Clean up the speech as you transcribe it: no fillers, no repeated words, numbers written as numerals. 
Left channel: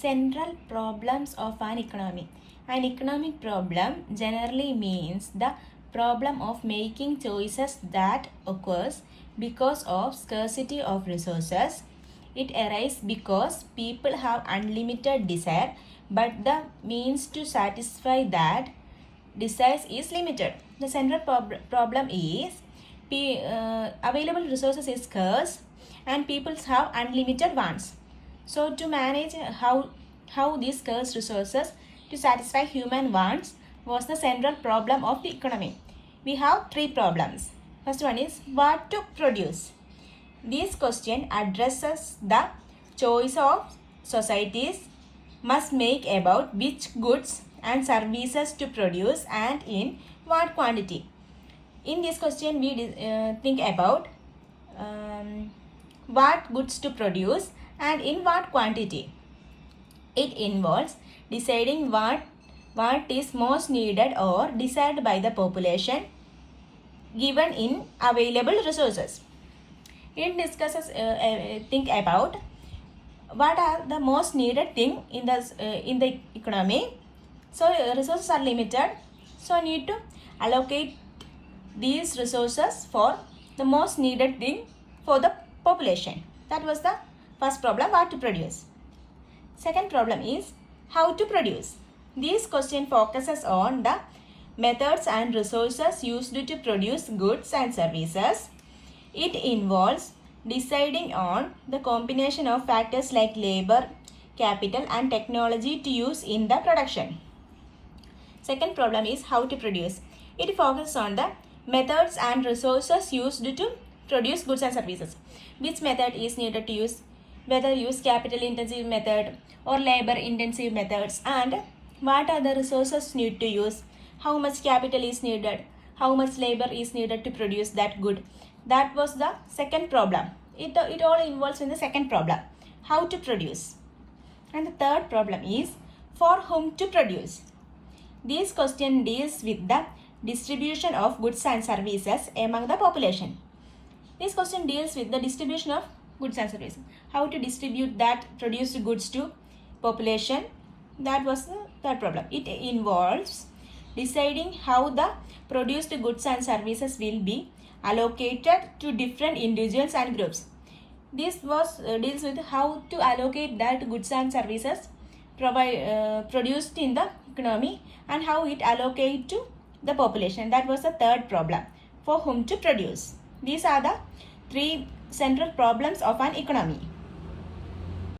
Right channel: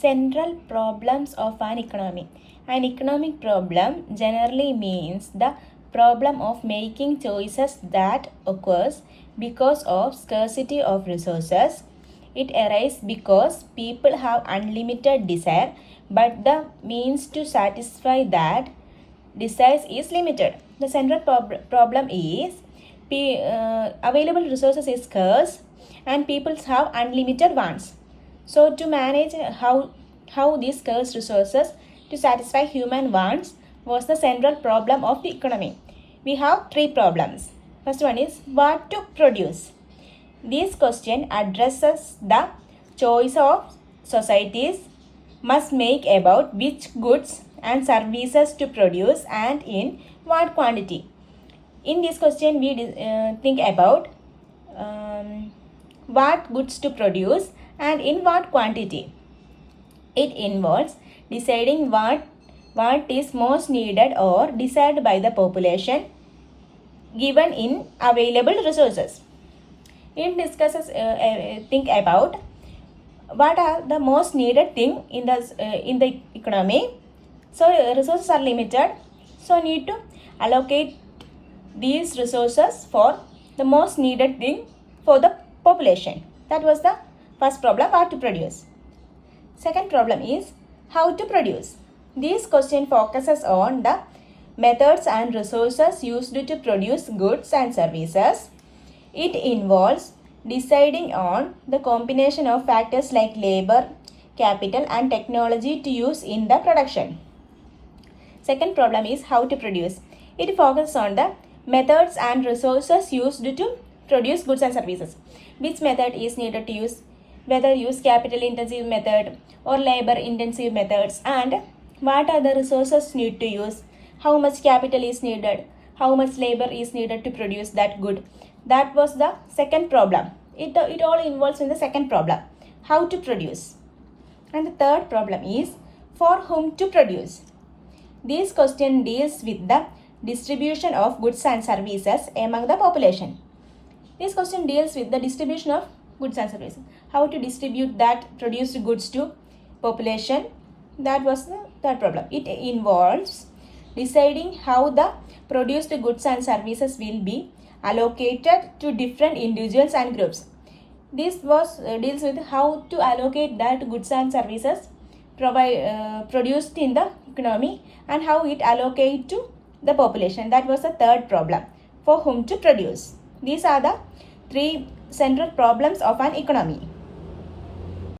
Central problems of an economy. An economic problem generally means the problem of making choices that occurs because of scarcity of resources. It arises because people have unlimited desire, but the means to satisfy that desire is limited. The central problem is available resources is scarce and people have unlimited wants. So to manage how these scarce resources to satisfy human wants was the central problem of the economy. We have three problems. First one is what to produce. This question addresses the choice of societies must make about which goods and services to produce and in what quantity. In this question we think about what goods to produce and in what quantity. It involves deciding what is most needed or desired by the population given in available resources. It discusses think about what are the most needed thing in the economy. So resources are limited, so need to allocate these resources for the most needed thing for the population. That was the first problem, what to produce. Second problem is how to produce. This question focuses on the methods and resources used to produce goods and services. It involves deciding on the combination of factors like labor, capital and technology to use in the production. Second problem is how to produce. It focuses on the methods and resources used to produce goods and services. Which method is needed to use, whether use capital intensive method or labor intensive methods, and what are the resources need to use, how much capital is needed, how much labor is needed to produce that good. That was the second problem. It all involves in the second problem, how to produce. And the third problem is for whom to produce. This question deals with the distribution of goods and services among the population. This question deals with the distribution of goods and services. How to distribute that produced goods to population. That was the third problem. It involves deciding how the produced goods and services will be allocated to different individuals and groups. This deals with how to allocate that goods and services produced in the economy and how it allocate to the population. That was the third problem, for whom to produce. These are the three central problems of an economy.